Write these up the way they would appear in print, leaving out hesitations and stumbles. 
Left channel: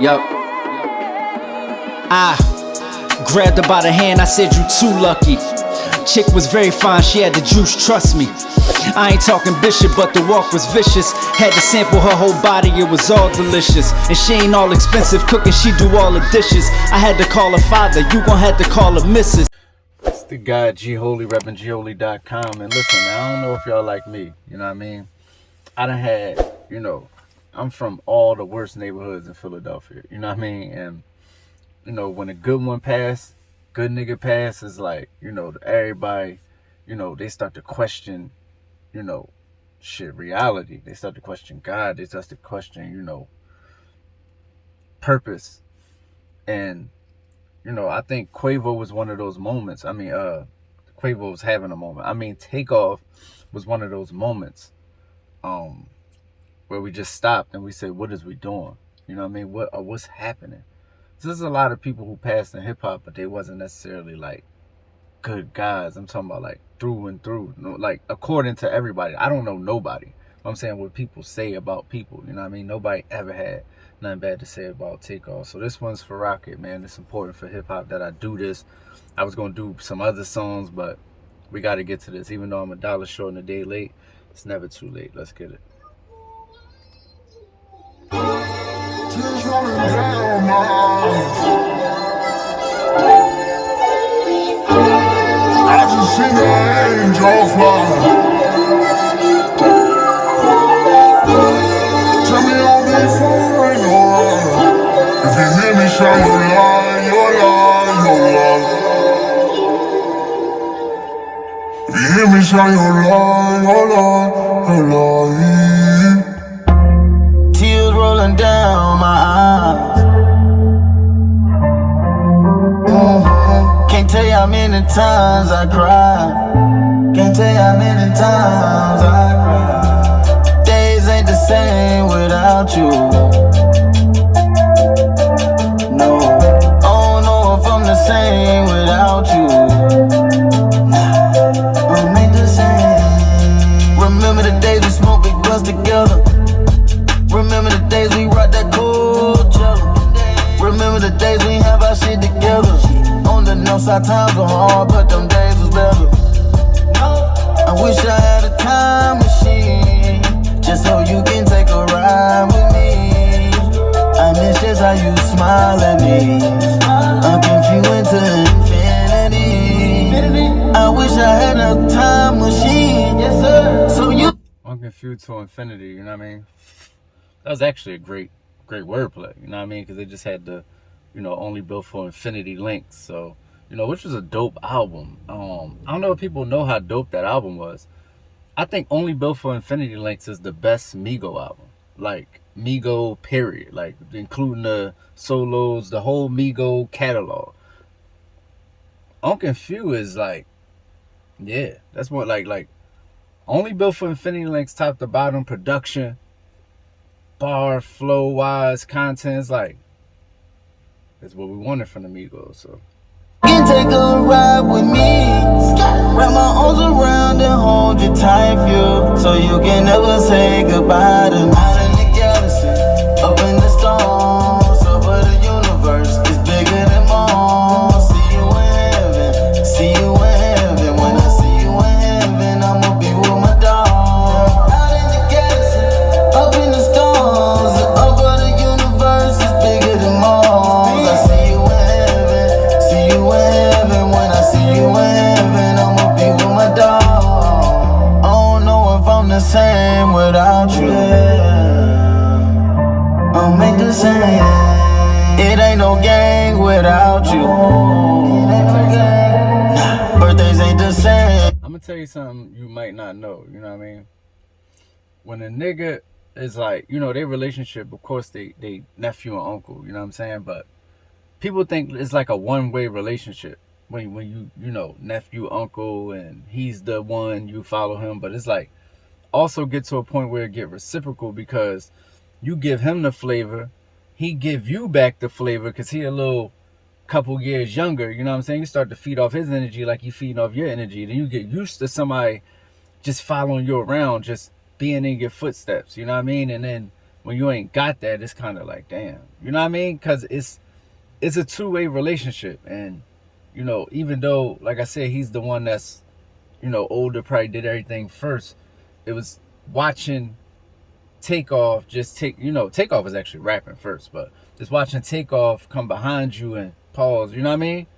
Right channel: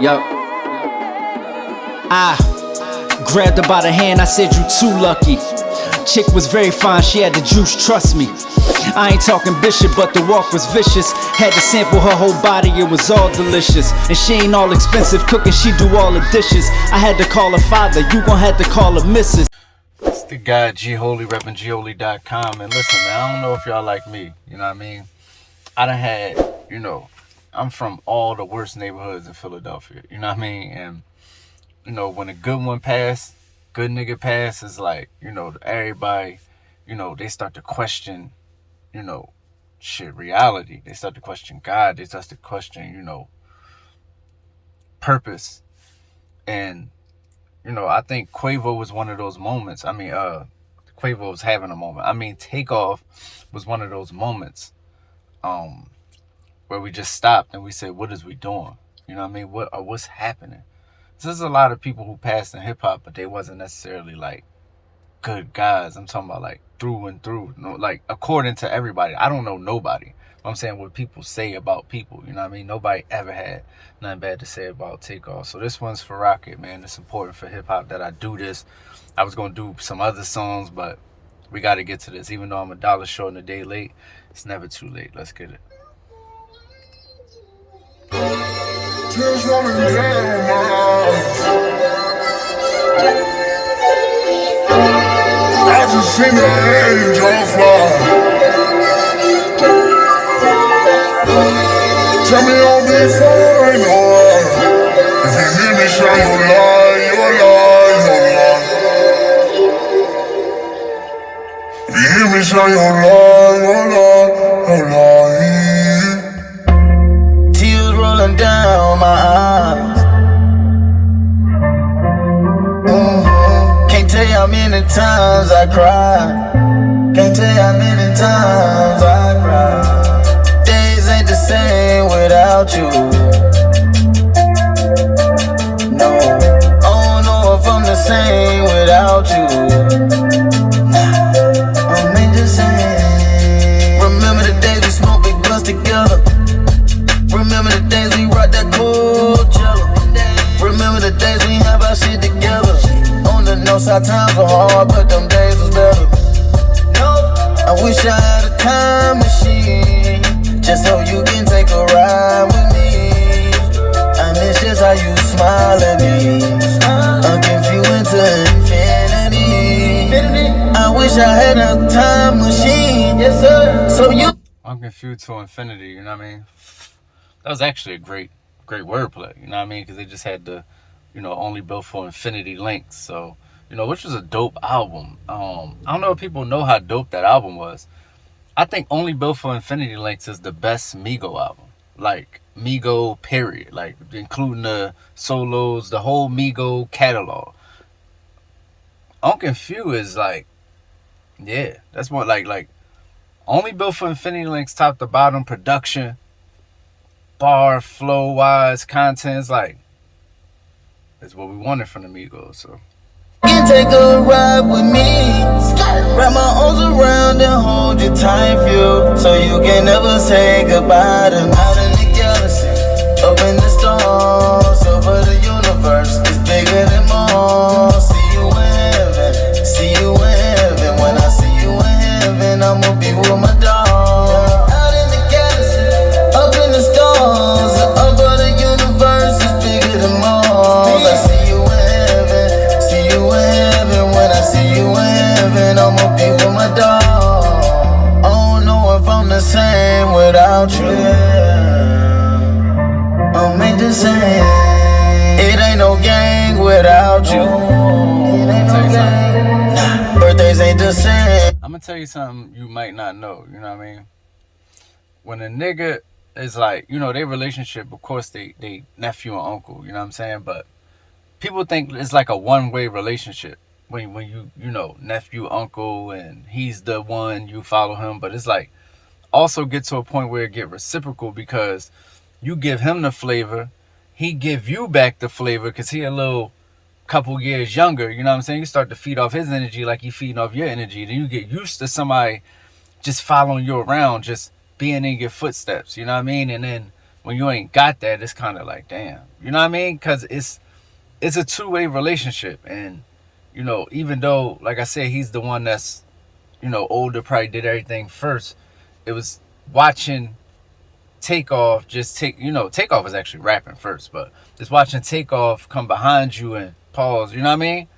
Yup. I grabbed her by the hand, I said, "You too lucky." Chick was very fine, she had the juice, trust me. I ain't talking bishop, but the walk was vicious. Had to sample her whole body, it was all delicious. And she ain't all expensive cooking, she do all the dishes. I had to call her father, you gon' have to call her missus. It's the guy G Holy, reppin' gholy.com. And listen, man, I don't know if y'all like me, you know what I mean? I done had, you know, I'm from all the worst neighborhoods in Philadelphia, you know what I mean? And, you know, when a good one pass, good nigga pass, is like, you know, everybody, you know, they start to question, you know, shit, reality. They start to question God. They start to question, you know, purpose. And, you know, I think Quavo was one of those moments. I mean, Quavo was having a moment. I mean, Takeoff was one of those moments where we just stopped and we said, what is we doing? You know what I mean? What's happening? There's a lot of people who passed in hip-hop, but they wasn't necessarily, like, good guys. I'm talking about, like, through and through. You know, like, according to everybody. I don't know nobody. I'm saying what people say about people. You know what I mean? Nobody ever had nothing bad to say about Takeoff. So this one's for Rocket, man. It's important for hip-hop that I do this. I was going to do some other songs, but we got to get to this. Even though I'm $1 short and a day late, it's never too late. Let's get it. Tears rolling down my eyes. I just seen an angel fly. Tell me I'll be fine, alright. If you hear me shine your light, your light, your light. If you hear me shine your light, your light, your light. Tears rolling down my eyes. Can't tell you how many times I cried. Can't tell you how many times I cried. Days ain't the same without you. No, I don't know if I'm the same without you. I'm ain't the same. Remember the days we smoked, we bust together. Remember the days we rocked that cold jello. Remember the days we have our shit together. On the north side times were hard, but them days was better. I wish I had a time machine, just so you can take a ride with me. I miss just how you smile at me. I'm confused to infinity. I wish I had a time machine, yes sir. So you I'm confused to infinity, you know what I mean? That was actually a great wordplay, you know what I mean? Because they just had the, you know, only built for infinity links. So, you know, which was a dope album. I don't know if people know how dope that album was. I think Only Built for Infinity Links is the best Migo album. Like, Migo, period. Like, including the solos, the whole Migo catalog. I'm confused is like, yeah, that's more like Only Built for Infinity Links, top to bottom, production, bar, flow wise, contents, like, that's what we wanted from the Migos. So can take a ride with me. Wrap my arms around and hold you tight, feel, so you can never say goodbye to me. Out in the galaxy, up in the stars, over the universe, it's bigger than Mars. See you in heaven, see you in heaven. When I see you in heaven, I'ma be with my dog. Out in the galaxy, up in the stars, over the universe, it's bigger than Mars. I see you in heaven, see you in heaven. When I see you in heaven, I'ma be with my dog. I don't know if I'm the same without you. I'm ain't the same. It ain't no gang without you. It ain't no gang. Nah, birthdays ain't the same. I'm gonna tell you something you might not know, you know what I mean? When a nigga is like, you know, their relationship, of course they nephew and uncle, you know what I'm saying? But people think it's like a one-way relationship. When you know, nephew, uncle, and he's the one, you follow him. But it's like, also get to a point where it get reciprocal, because you give him the flavor, he give you back the flavor, because he a little couple years younger, you know what I'm saying? You start to feed off his energy like he feeding off your energy. Then you get used to somebody just following you around, just being in your footsteps, you know what I mean? And then when you ain't got that, it's kind of like, damn, you know what I mean? Because it's a two-way relationship. And you know, even though, like I said, he's the one that's, you know, older, probably did everything first, it was watching Takeoff Takeoff is actually rapping first, but just watching Takeoff come behind you and pause, you know what I mean?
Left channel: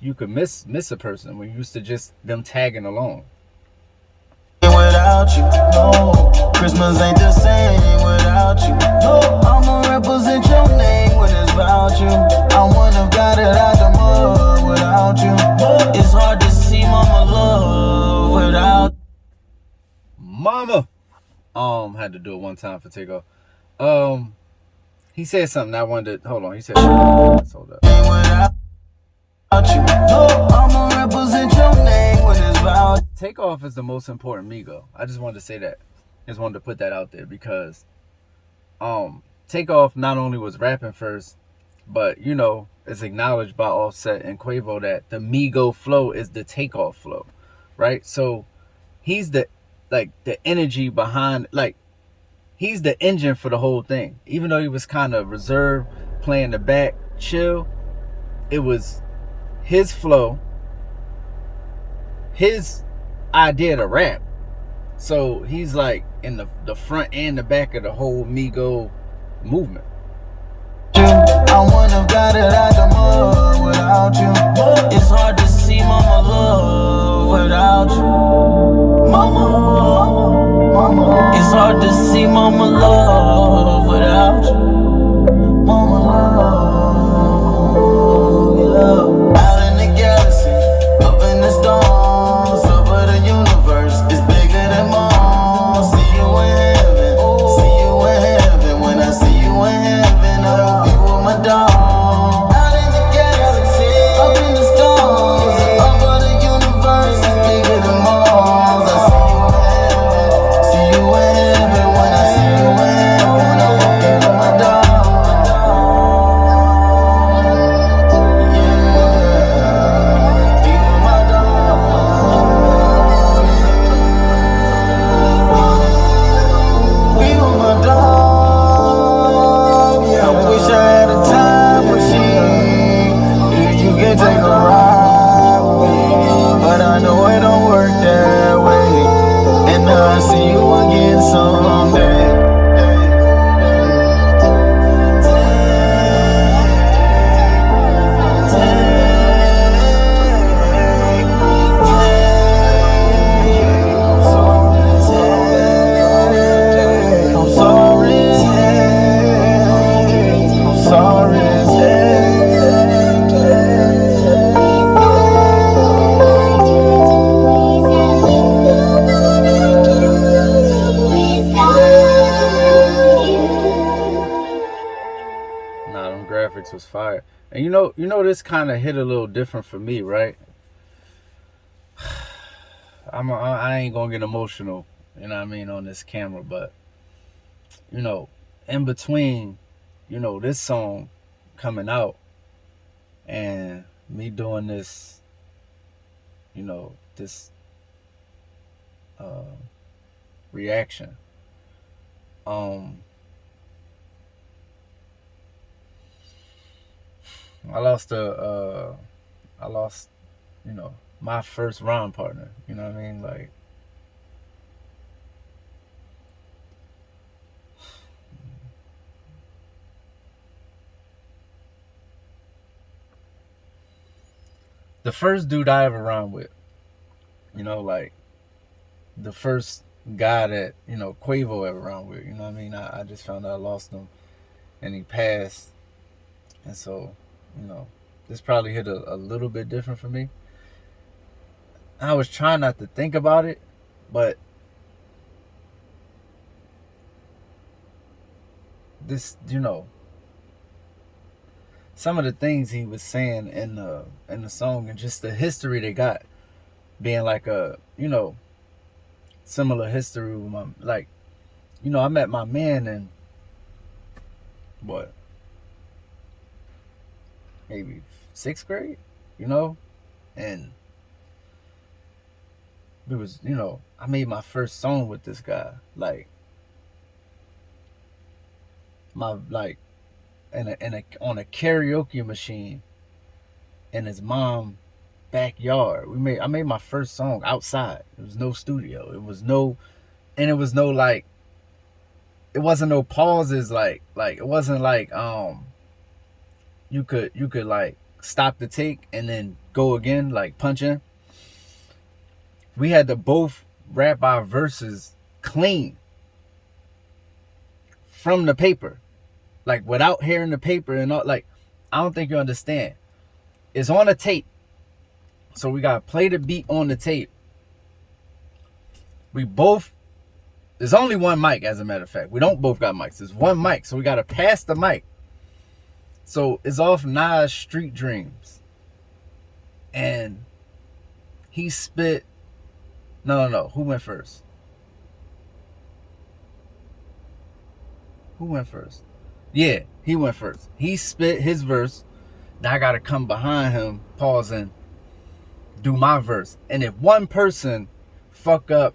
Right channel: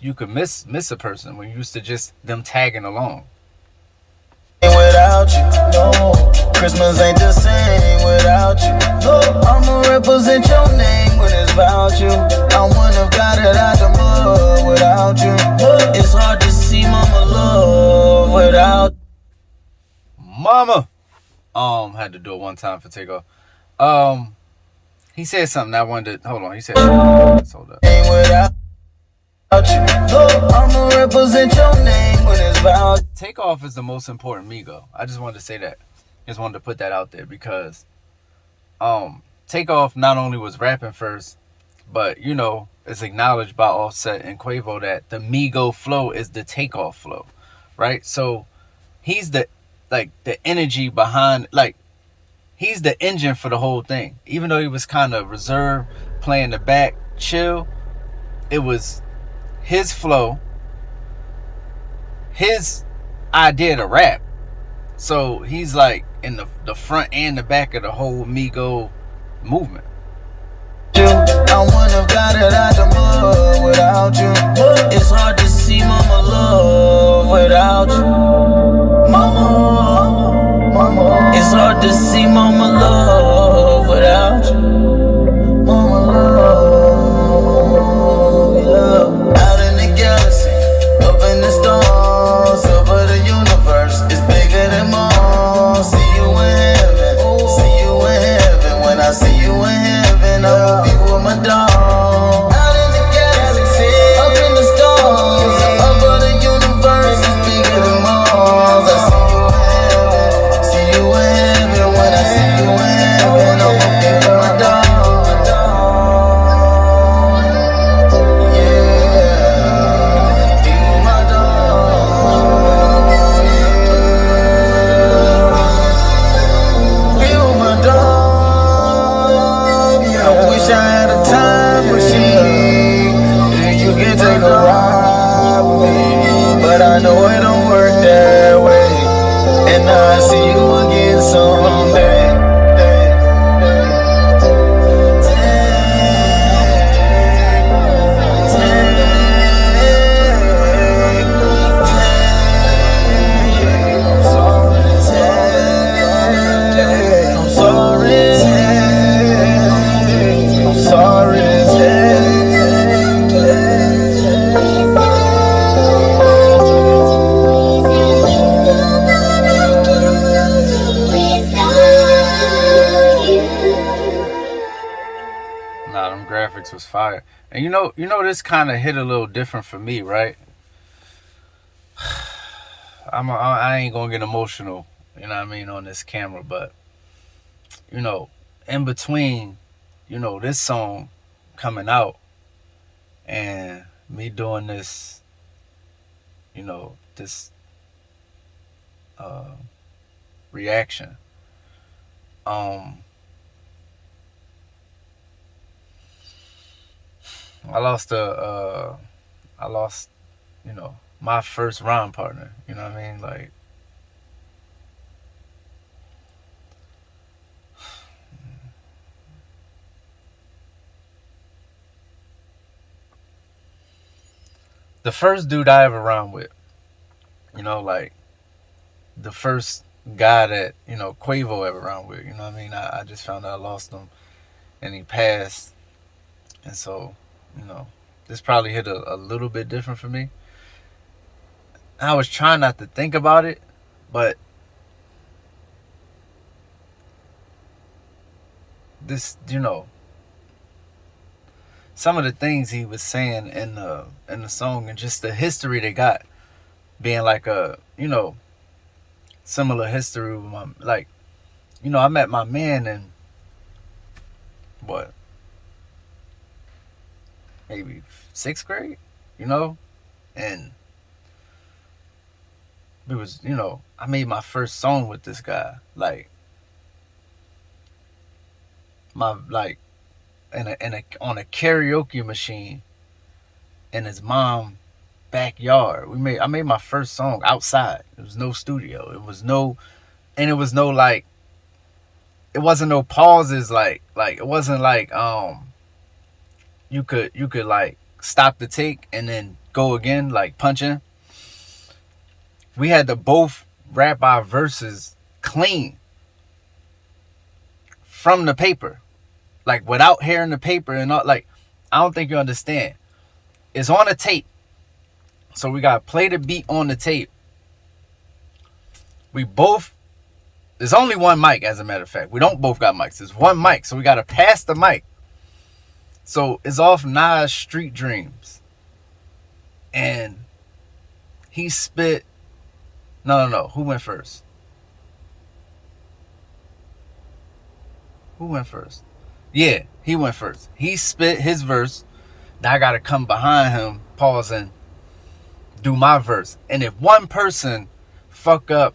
You could miss a person when you used to just them tagging along. Without you, no. Christmas ain't the same without you. No. I'ma represent your name when it's about you. I wouldn't have got it out the mud without you. It's hard to see mama love without Mama. Had to do it one time for Takeoff. He said something I wanted to, hold on. He said, hold up. without you. No. I'ma represent your name when it's about Takeoff is the most important Migo. I just wanted to say that. Just wanted to put that out there because Takeoff not only was rapping first, but you know, it's acknowledged by Offset and Quavo that the Migo flow is the Takeoff flow, right? So he's the energy behind, like, he's the engine for the whole thing. Even though he was kind of reserved, playing the back, chill, it was his flow, his idea to rap. So he's like in the front and the back of the whole Migo movement. I wouldn't have got it out the mud without you. It's hard to see mama love without you. Mama. It's hard to see mama love without you. Mama, yeah. Out in the galaxy, up in the stars, over the universe, it's bigger than Mars. See you in heaven, see you in heaven. When I see you in heaven, I'ma be with my dog. Out in the galaxy, up in the stars, over the universe, it's bigger than Mars. I see you in heaven. When I see you in heaven, I'ma be with my dog. Yeah, be with my dog. Be with my dog. Yeah, I wish I had a time machine. Yeah, you can take a ride with me, but I know it don't work that way. And I see you again someday. I'm sorry. Nah, them graphics was fire. And you know this kind of hit a little different for me, right? I ain't gonna get emotional, you know what I mean, on this camera, but you know, in between, you know, this song coming out and me doing this, you know, this reaction, I lost, you know, my first rhyme partner. You know what I mean? Like, the first dude I ever rhymed with, you know, like, the first guy that, you know, Quavo ever rhymed with, you know what I mean? I just found out I lost him and he passed. And so, you know, this probably hit a little bit different for me. I was trying not to think about it, but this, you know, some of the things he was saying in the song and just the history they got, being like a, you know, similar history with my, like, you know, I met my man in what, maybe 6th grade, you know, and it was, you know, I made my first song with this guy, like, like on a karaoke machine in his mom's backyard. I made my first song outside. There was no studio. It was no like, it wasn't no pauses, like it wasn't like you could like stop the take and then go again, like punch in. We had to both rap our verses clean from the paper, like without hearing the paper and all. Like, I don't think you understand. It's on a tape, so we gotta play the beat on the tape. There's only one mic, as a matter of fact. We don't both got mics. There's one mic, so we gotta pass the mic. So it's off Nas Street Dreams. And he spit. No. Who went first? Yeah, he went first. He spit his verse. Now I gotta come behind him, pause, and do my verse. And if one person fuck up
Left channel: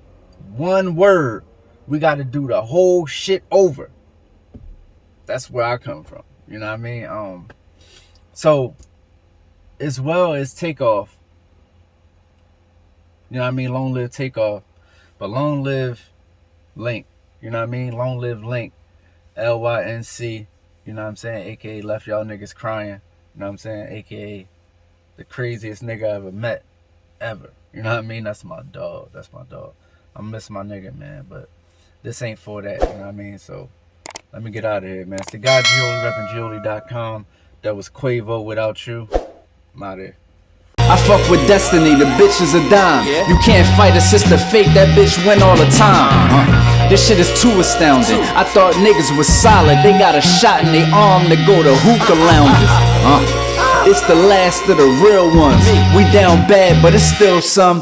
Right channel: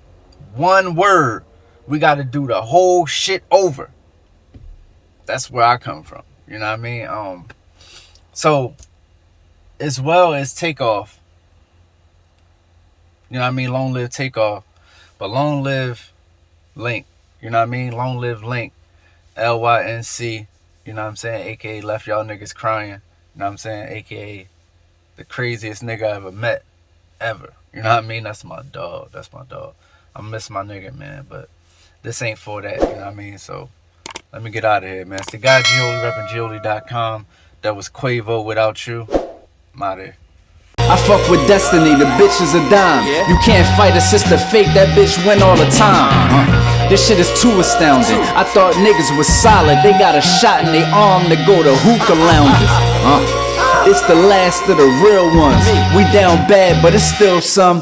one word, we gotta do the whole shit over. That's where I come from. You know what I mean? So as well as Takeoff, you know what I mean? Long live Takeoff, but long live L.Y.N.C. You know what I mean? Long live L.Y.N.C. L.Y.N.C. You know what I'm saying? AKA left y'all niggas crying. You know what I'm saying? AKA the craziest nigga I ever met, ever. You know what I mean? That's my dog. I miss my nigga, man, but this ain't for that. You know what I mean? So let me get out of here, man. It's the guy Gioli, repping Gioli.com. That was Quavo, Without You. I'm out of here. I fuck with destiny, the bitch is a dime. You can't fight a sister fake, that bitch win all the time. This shit is too astounding. I thought niggas was solid, they got a shot in their arm to go to hookah lounges. It's the last of the real ones. We down bad, but it's still some.